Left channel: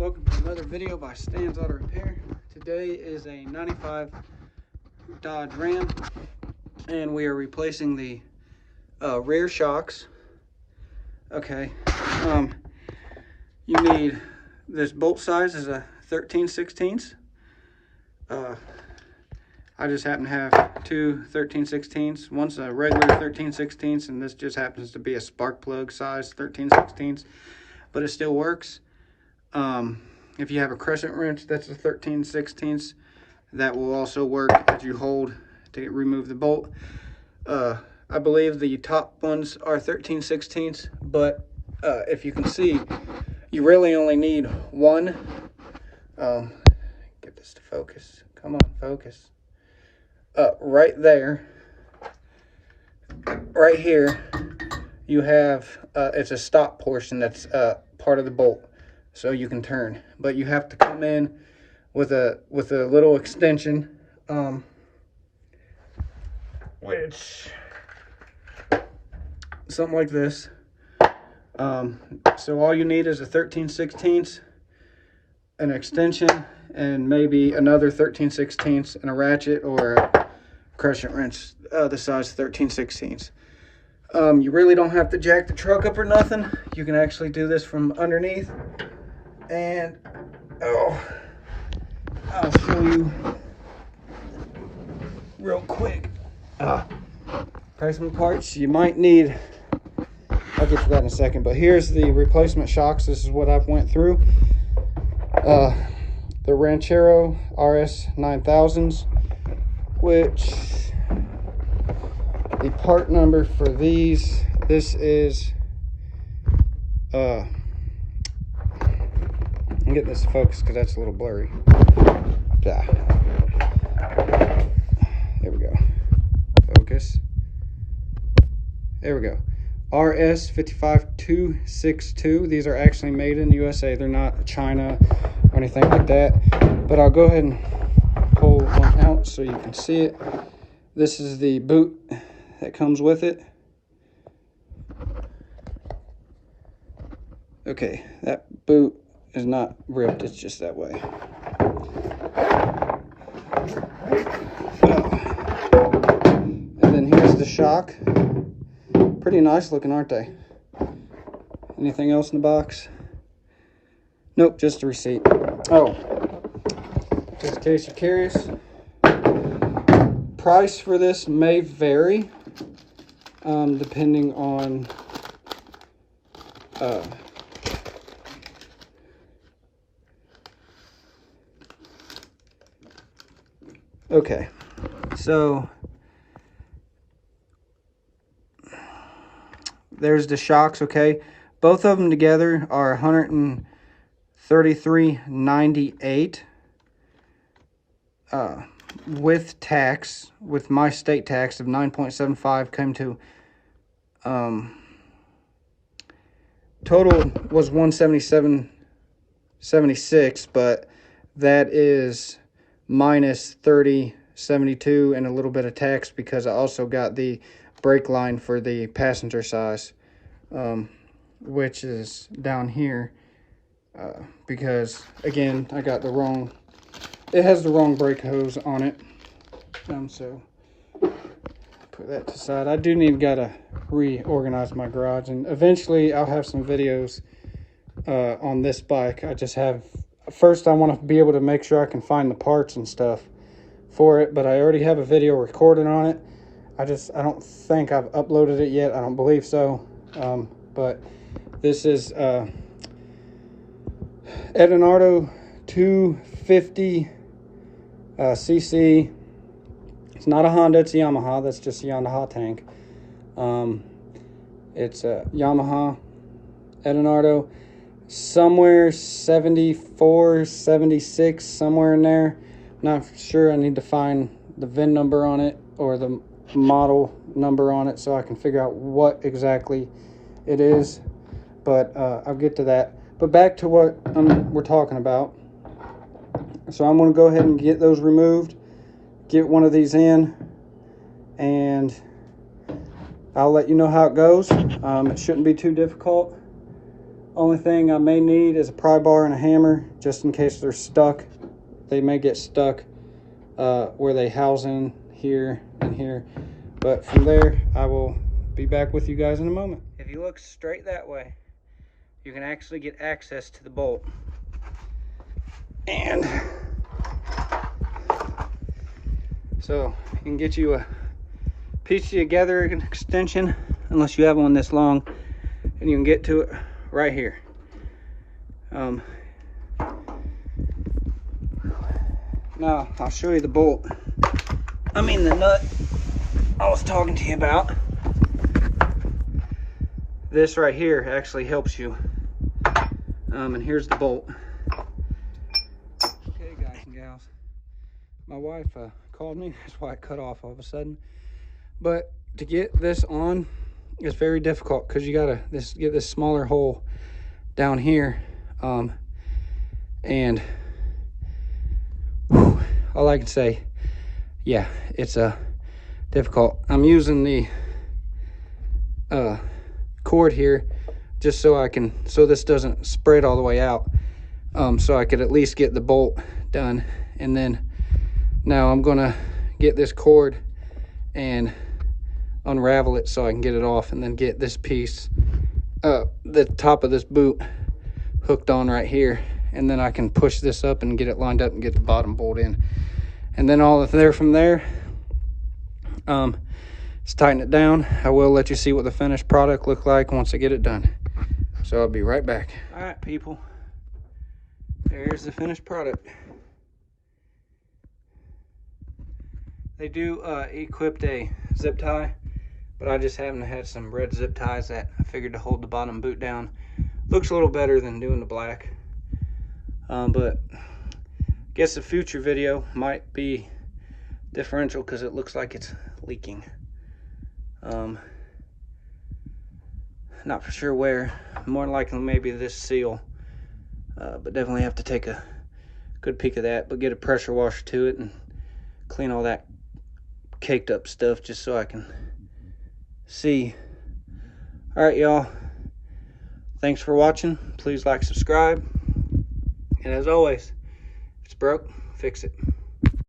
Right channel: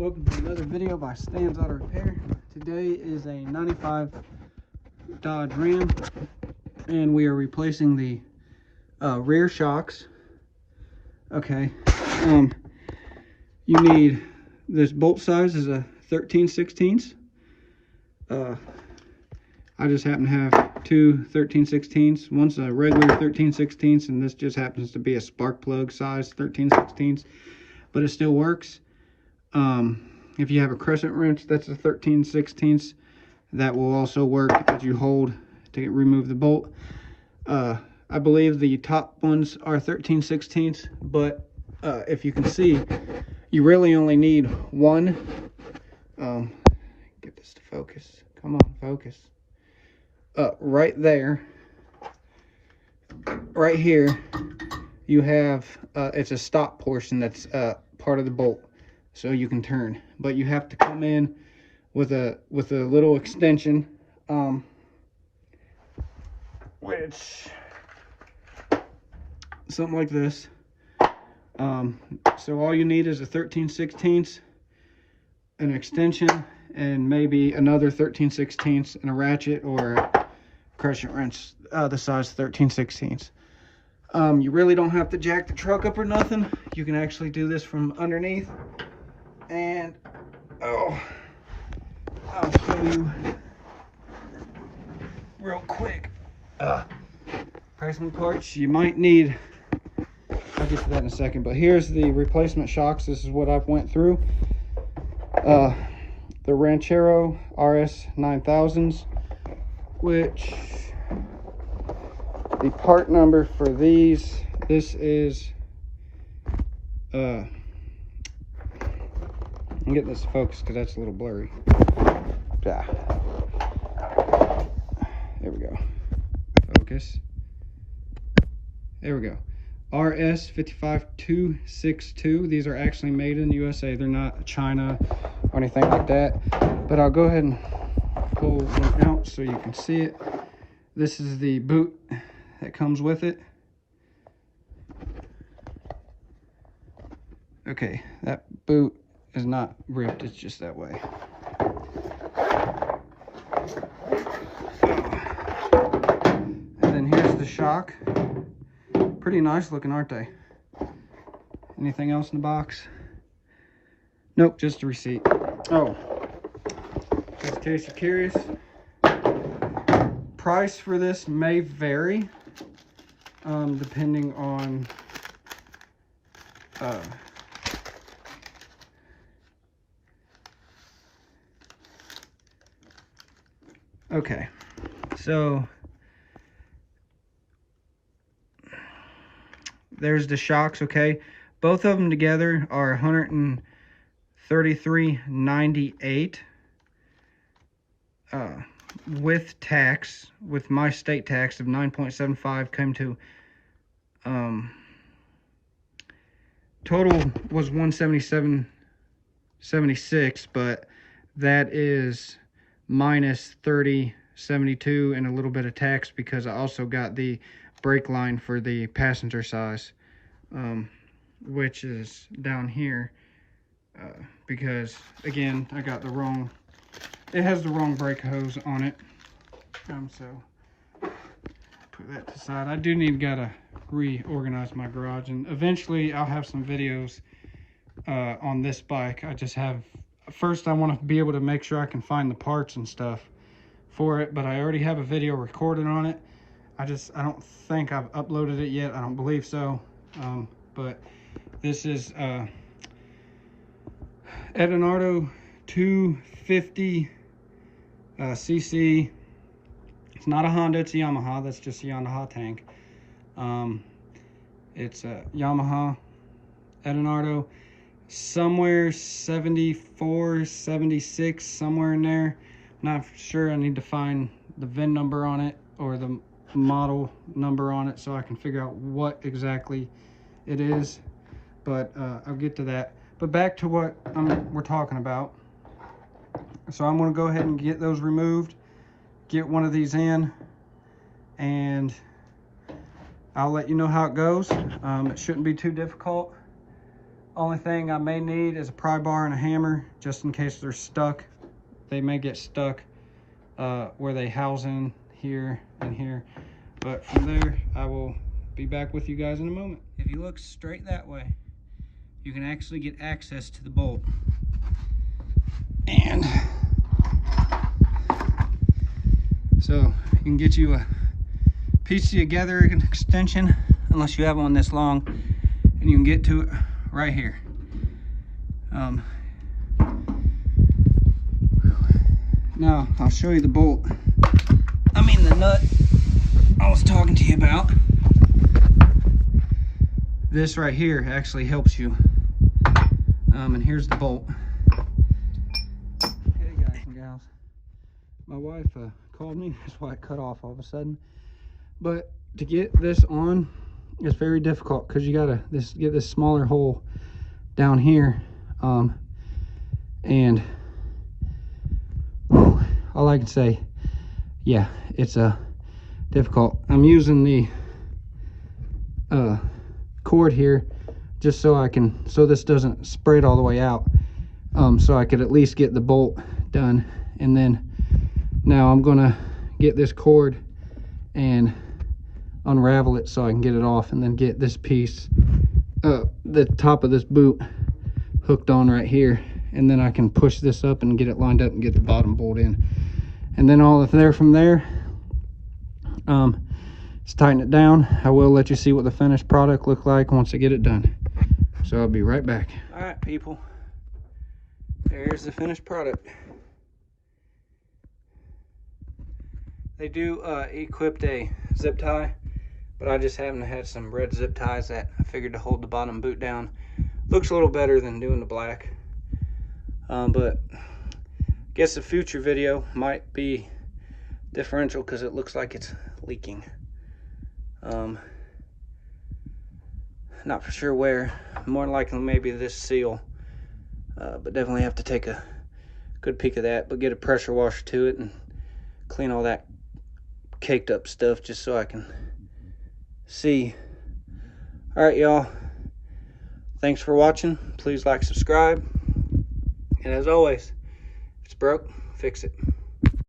Welcome to another video by Stan's Auto Repair. Today is a 95 Dodge Ram, and we are replacing the rear shocks. Okay, you need this bolt size is a 13/16. I just happen to have two 13/16. One's a regular 13/16, and this just happens to be a spark plug size 13/16, but it still works. If you have a crescent wrench that's a 13/16, that will also work as you hold to remove the bolt. I believe the top ones are 13/16, but if you can see, you really only need one. Get this to focus. Come on, focus. Right there, right here, you have it's a stop portion that's part of the bolt, so you can turn, but you have to come in with a little extension, which something like this. So all you need is a 13/16, an extension, and maybe another 13/16 and a ratchet or a crescent wrench the size 13/16. You really don't have to jack the truck up or nothing. You can actually do this from underneath. And I'll show you real quick. Replacement parts you might need. I'll get to that in a second, but here's the replacement shocks. This is what I've went through. The Ranchero RS 9000s, which the part number for these, this is I'm getting this to focus because that's a little blurry. Yeah. There we go. Focus. There we go. RS 55262. These are actually made in the USA. They're not China or anything like that. But I'll go ahead and pull one out so you can see it. This is the boot that comes with it. Okay, that boot is not ripped, it's just that way. And then here's the shock. Pretty nice looking, aren't they? Anything else in the box? Nope, just a receipt. Oh, just in case you're curious, price for this may vary depending on okay, so there's the shocks. Okay, both of them together are $133.98 with tax. With my state tax of 9.75 came to total was $177.76, but that is minus $30.72 and a little bit of tax because I also got the brake line for the passenger size, which is down here, because again I got the wrong, it has the wrong brake hose on it. So put that to the side. I do need to reorganize my garage, and eventually I'll have some videos on this bike. I just have, first I want to be able to make sure I can find the parts and stuff for it, but I already have a video recorded on it. I don't think I've uploaded it yet. I don't believe so. But this is Edinardo 250 cc. It's not a Honda, it's a Yamaha. That's just a Yamaha tank. It's a Yamaha Edinardo, somewhere 74, 76, somewhere in there. Not sure. I need to find the VIN number on it or the model number on it so I can figure out what exactly it is. But I'll get to that. But back to what we're talking about. So I'm going to go ahead and get those removed, get one of these in, and I'll let you know how it goes. It shouldn't be too difficult. Only thing I may need is a pry bar and a hammer, just in case they're stuck. They may get stuck where they house in here and here. But from there, I will be back with you guys in a moment. If you look straight that way, you can actually get access to the bolt. And so you can get you a piece together an extension, unless you have one this long, and you can get to it right here. Now I'll show you the bolt. I mean the nut I was talking to you about. This right here actually helps you. And here's the bolt. Okay, guys and gals, my wife called me. That's why it cut off all of a sudden. But to get this on is very difficult because you gotta get this smaller hole down here. And all I can say, yeah, it's difficult. I'm using the cord here just so this doesn't spread all the way out, so I could at least get the bolt done. And then now I'm gonna get this cord and unravel it so I can get it off, and then get this piece, the top of this boot, hooked on right here, and then I can push this up and get it lined up and get the bottom bolt in. And then all there from there, let's tighten it down. I will let you see what the finished product look like once I get it done. So I'll be right back. All right, people, there's the finished product. They do equipped a zip tie, but I just happen to have some red zip ties that I figured to hold the bottom boot down. Looks a little better than doing the black. But I guess the future video might be differential because it looks like it's leaking. Not for sure where. More likely maybe this seal. But definitely have to take a good peek of that. But get a pressure washer to it and clean all that caked up stuff just so I can see. All right, y'all. Thanks for watching. Please like, subscribe. And as always, if it's broke, fix it.